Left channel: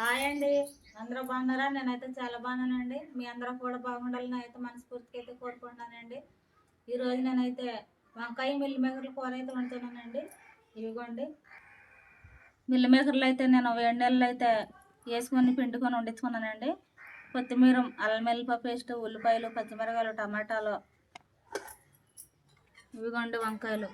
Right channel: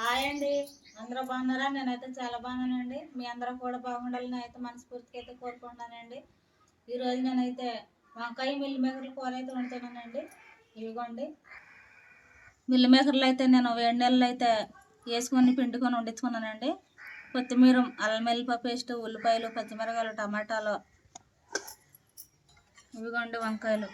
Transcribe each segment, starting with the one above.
Hi అండి. అందరూ బాగున్నారా? నేనైతే చాలా బాగున్నానండి. మీ అందరూ కూడా బాగుండాలని అయితే మనస్ఫూర్తిగా అయితే కోరుకుంటున్నానండి. ఈరోజు నేనైతే వంకాయ మిల్లి మేకర్ల కూర అయితే వండుతున్నానండి. ఇవిగోండి. మిల్లి మేకర్లు అయితే నేను వేడి నెలలు అయితే వేసుకొని పిండుకొని వండించుకున్నానండి. కొత్తిమీర అల్లం వెల్లిప పేస్ట్ ఉల్లిపాయలు పచ్చిమిరకాయలు టమాటాలు. ఇవిగోండి వంకాయలు.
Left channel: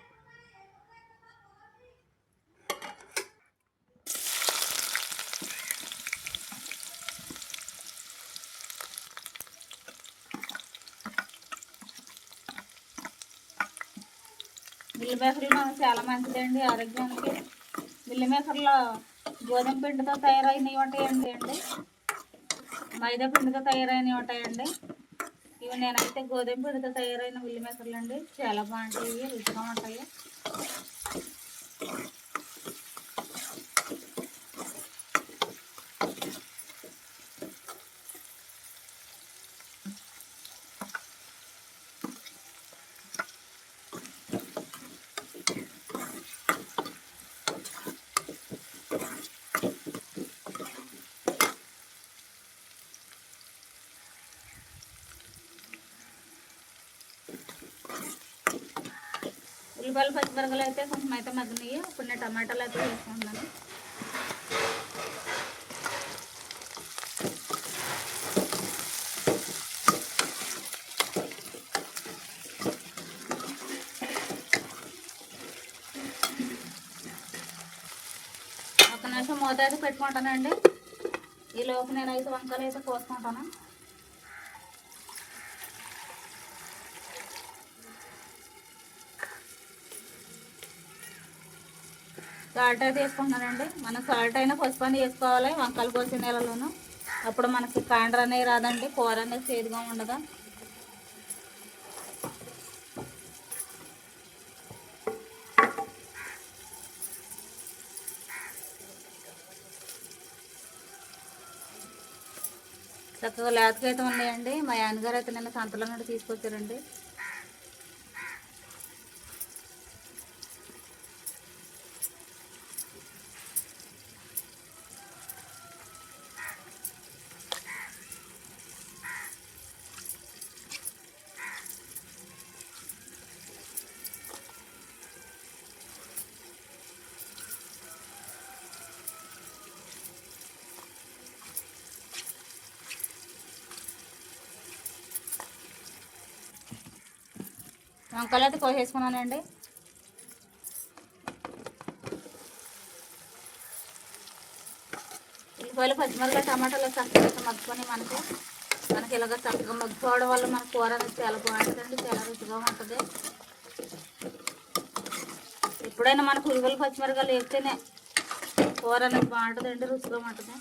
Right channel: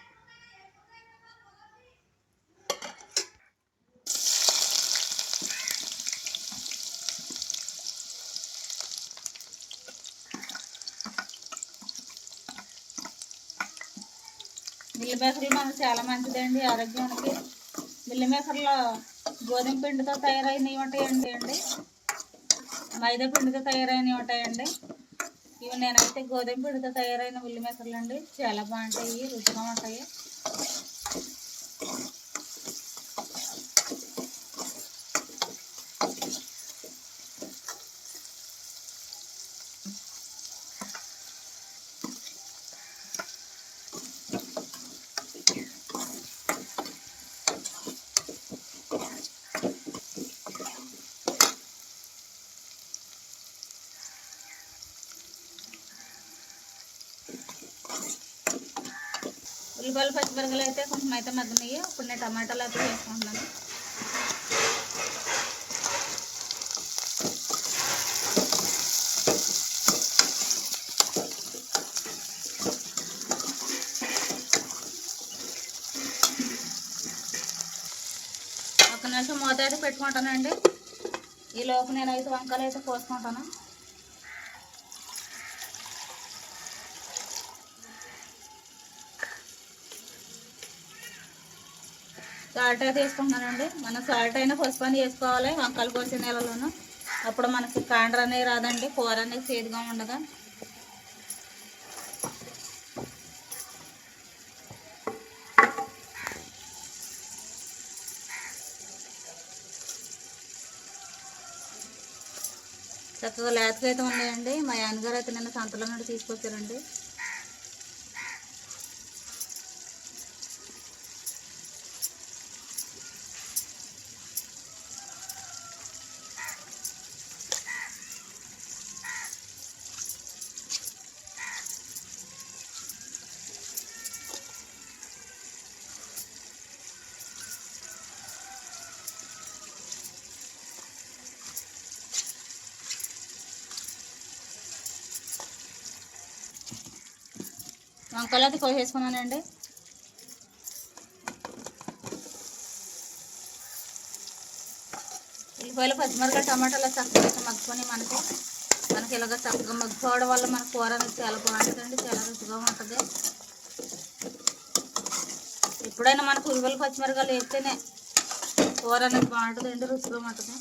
మిల్లి మేకర్లు మనకు చాలా మంచిదండి ఆరోగ్యానికి. బిల్లి మేకర్లో గోధుమ పిండితో తయారైనవి ఉంటాయండి అండి. మైదా పిండితో తయారైనవి ఉంటాయండి. ఇవి నేనైతే గోధుమ పిండితో తయారైన మిల్లి మేకర్లు అండి చాలా బాగుంటాయి రుచిగా ఉంటాయి. ఉల్లిపాయలు పచ్చిమిరపకాయలు అయితే కొంచెం అయితే మగ్గినాయి ఇప్పుడు నేను టమాటాలు అయితే వేసుకుంటున్నాను. ఒక నిమిషం మూత అయితే పెట్టుకుంటానండి. ఈ లోపు నేనైతే వంకాయలు అయితే కోసుకుంటాను. సాల్ట్ అయితే వేసుకుంటున్నానండి. మనం సాల్ట్ అయినా పసుపు అని వేసుకోవాలి వంకాయలు కోసిన నీళ్ళలోనూ అప్పుడు మనకి కాండ్ర అనేది రాదండి కూర అనేది చేదుగా ఉండదు? చక్కగా లేతగా అయితే ఉన్నాయండి. మా నాన్నగారు అయితే నిన్న సంతలో నుండి తీసుకొచ్చారండి. వంకాయలు అయితే కోసేసుకున్నానండి ఉల్లిపాయలు పచ్చిమిరపకాయ టమాటాలు చక్కగా మగ్గుకొని మనకి మనకి ఇలాగ చక్కగా మగ్గిపోవడం వల్ల మన కూర అనేది చాలా బాగుంటుందండి చాలా రుచిగా ఉంటుంది. ఎప్పుడైనా మనకు ఉల్లిపాయలు పచ్చిమిరపకాయలు వేస్తేనే కూర అనేది బాగుంటుందండి రుచిగా ఉంటుంది.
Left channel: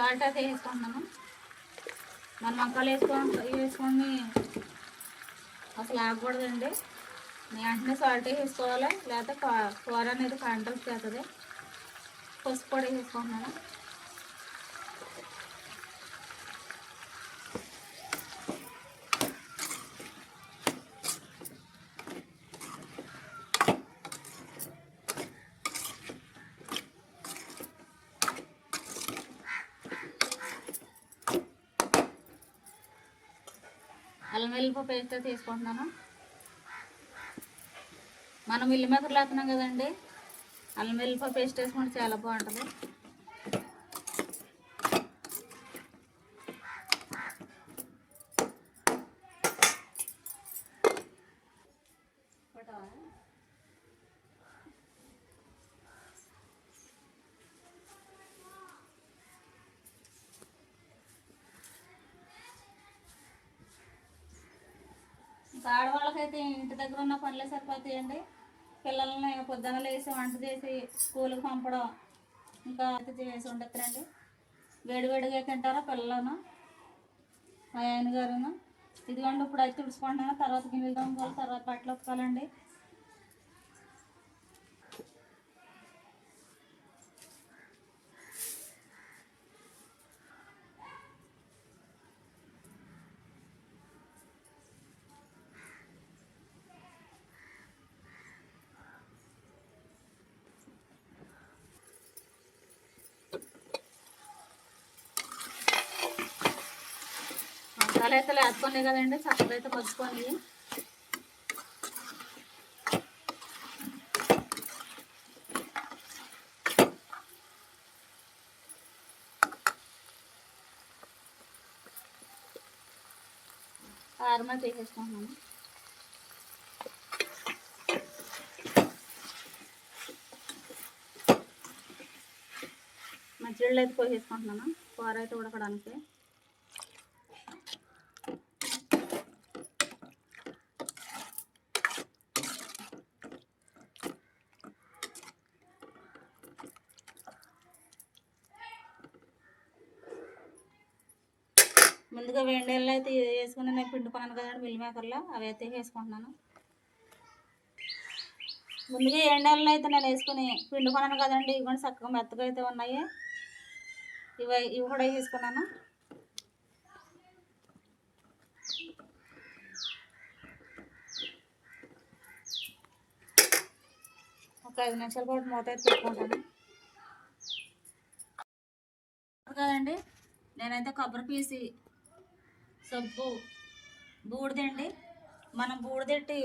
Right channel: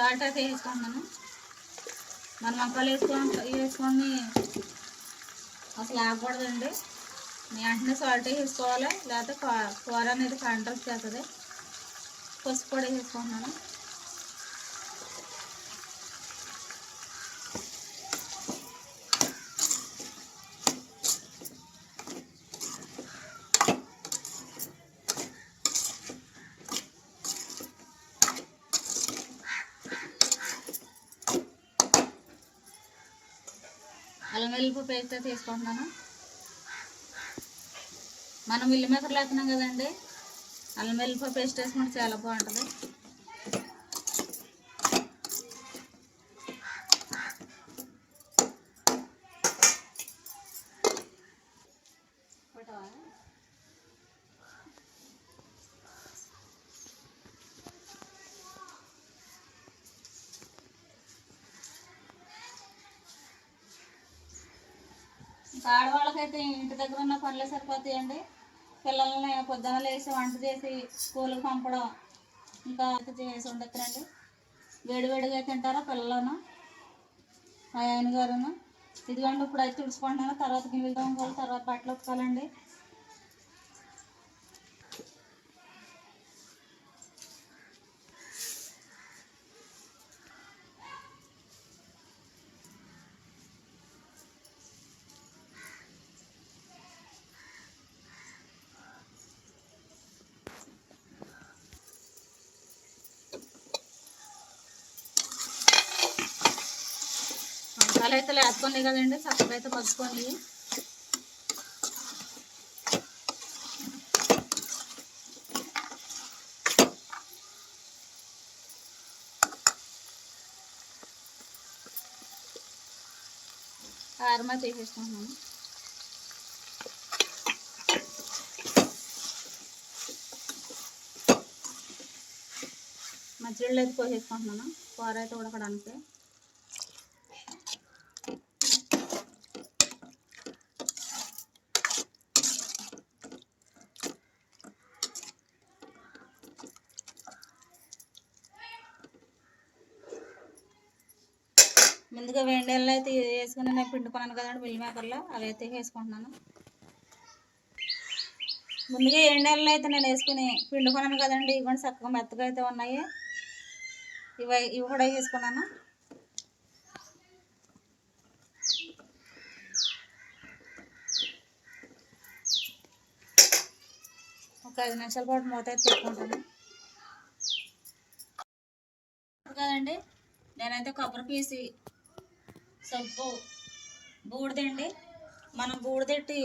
సాల్ట్ అయితే వేసుకుంటున్నాను. మన వంకాయలు వేసుకొని వేసుకొని అసలు ఆగకూడదండి. వెంటనే సాల్ట్ వేసుకోవాలి? లేకపోతే కూర అనేది కంట్రోల్ చేస్తుంది. పసుపు కూడా వేసుకుంటున్నాను. అల్లం వెల్లిపాయ పేస్ట్ తీసుకుంటున్నాను మనం ఇల్లు మేకర్లు వేస్తున్నాం కదండి అల్లం వెల్లిపాయ పేస్ట్ వేసుకుంటే చాలా బాగుంటుంది ఇంకా అయితే ఇంటి దగ్గర ఉన్న పనులే సరిపోతాయండి. పిల్లల్ని పొద్దున లేచి వంట చేసి స్కూల్కి పంపడం ఇంకా అది చేసి ఉండొచ్చునండి వేడివేడిగా తింటారా పిల్లలను మా ఆయన గారును. ఇదిగోండి ఇప్పుడు అయితే తుడుచుకుంటున్నాను. తర్వాత గిన్నెలు తోముకోవాలి తర్వాత బట్టలు ఉతకాలండి. చక్కలు అయితే లేచుకున్నాయి కదండి చక్కలు అయితే పచ్చుకోండి కారమా చేసేసుకుంటున్నాను మధ్యలో అయితే పోసేసుకుంటున్నాను కూర అయితే ఉడకడానికి ముందుగా వేడి నీళ్ళు అయితే వండుకున్నాను కదండి మిల్ మేకర్లో అవి అయితే వేసుకుంటున్నాను. ముందుగా ఏడు అయితే నేను వేసుకుని పిండుకున్నాను కదండి ఇవి కూడా చక్కగా మెత్తగా అయితే ఉన్నాయి. ఇవి ఇవి కూడా వేసుకున్నాను. ఒక ఐదు నిమిషాల పాటు మూత అయితే పెట్టుకుంటాను. కదండి నేనైతే కొబ్బరి పీసి సబ్బు బూడిదండి. మనం బూడిదెట్టి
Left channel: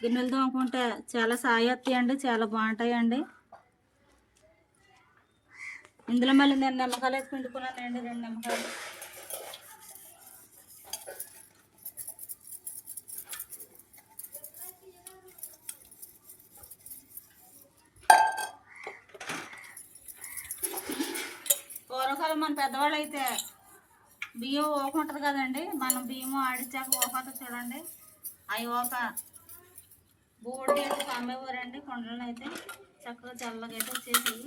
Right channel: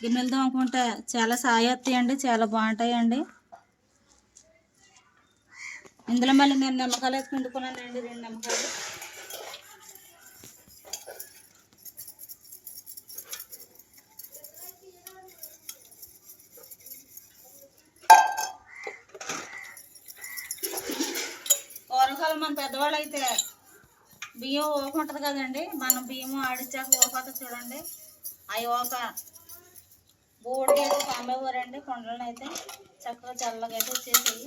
గిన్నెలు తోముకుంటే చాలా సాయి వస్తాయండి చాలా బాగుంటాయండి. ఇందులో మళ్ళీ నేను నిమ్మకాయలు అయితే పిండుకున్నానండి రెండు నిమ్మకాయలు. కూరగాయలు మన పెద్దవాళ్ళు అయితే బియ్యం ఓప ఉంటుంది కదండి. మనం బియ్యం ఆడించాక ఊకపోతే చూడండి. అవి ఓప బోర్డు అయితే పంపేవారండి కొండలను అయితే చక్కగా చల్లగా అయితే వచ్చేసాయి.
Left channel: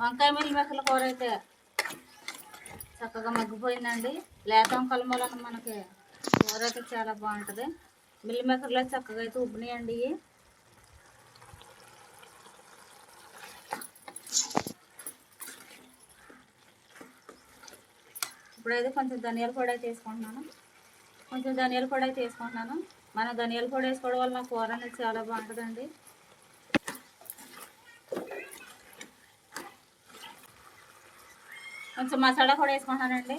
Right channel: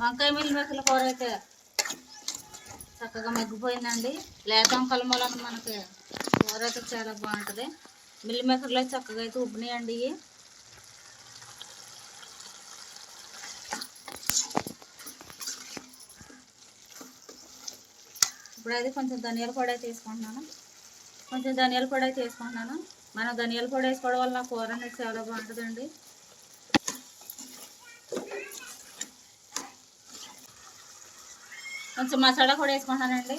వంకాయ మిల్లి మెక్కల కూర అయితే చక్కగా మగ్గిపోయిందండి. లేత వంకల మూలన మనకి కూర అయితే చాలా బాగుంటుంది. మిల్లి మెక్కర్లో చక్కగా అయితే ఉబ్బినాయండి ఇవి. ఇప్పుడైతే కొంచెం ధనియాల పొడి అయితే వేసుకుంటున్నాను. కొంచెం ధనియాల పొడి అయితే వేసుకుంటున్నాను. మనం ధనియాల పొడి వేసుకోవడం వల్ల కూర అనేది చాలా బాగుంటుందండి. కొంచెం మసాలా కూడా వేసుకుంటానండి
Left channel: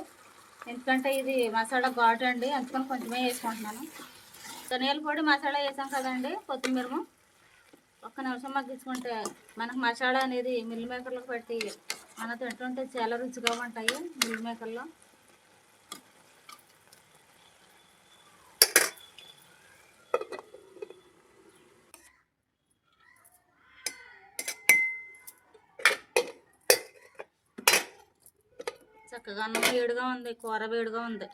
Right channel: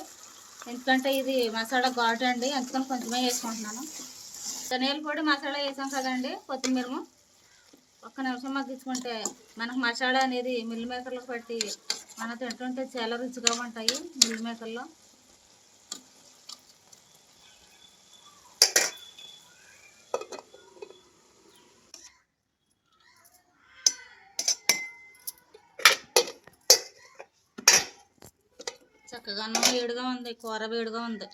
ఎందుకంటే ఇది మసాలా ఘాటు అండి అందుకని కొంచెమే వేసుకుంటున్నాను. ధనియాల పొడి మసాలా వేసాం కదండి కొత్తిమీరము ఒక్క నిమిషం మగ్గించుకుంటే మనకు మసాలా అనేది మిల్ మేకర్లకు పట్టి మన తింటుంటే చాలా రుచిగా ఉంటాయి మిల్ మేకర్లో చక్కగా అన్నం వేడిగా ఉంది కూర వేడిగా ఉంది.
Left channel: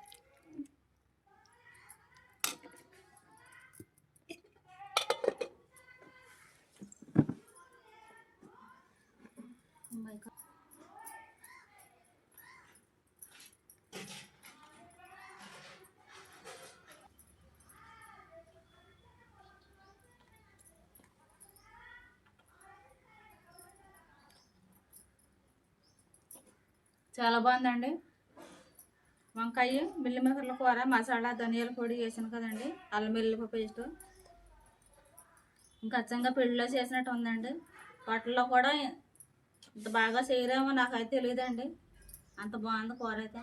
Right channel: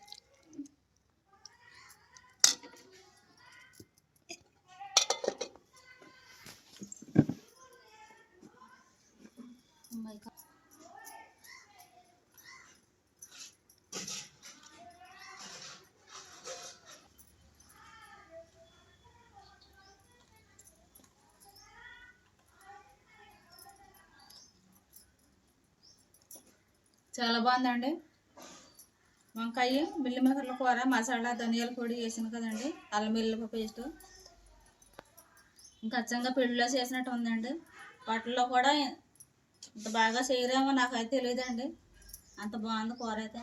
చాలా బాగుందండి. వంకాయ మిల్లిమేకర్ల కూర మసాలా ధనియాల పొడి వేసాను కదండి. అల్లం వెల్లుల్లి పేస్ట్. ఇంకా అచ్చంగా పెళ్ళిలో చేసినట్టు ఉందండి. వాటిల్లో కూడా ఇంత బాగా చేయరేమో నాకైతే తెలియదండి. అంత బాగుంది కూర అయితే.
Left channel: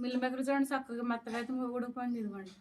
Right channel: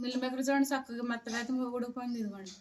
మిల్లిమేకర్ చూడండి చక్కగా మెత్తగా అయితే ఉడికిపోయింది ఇదిగోండి.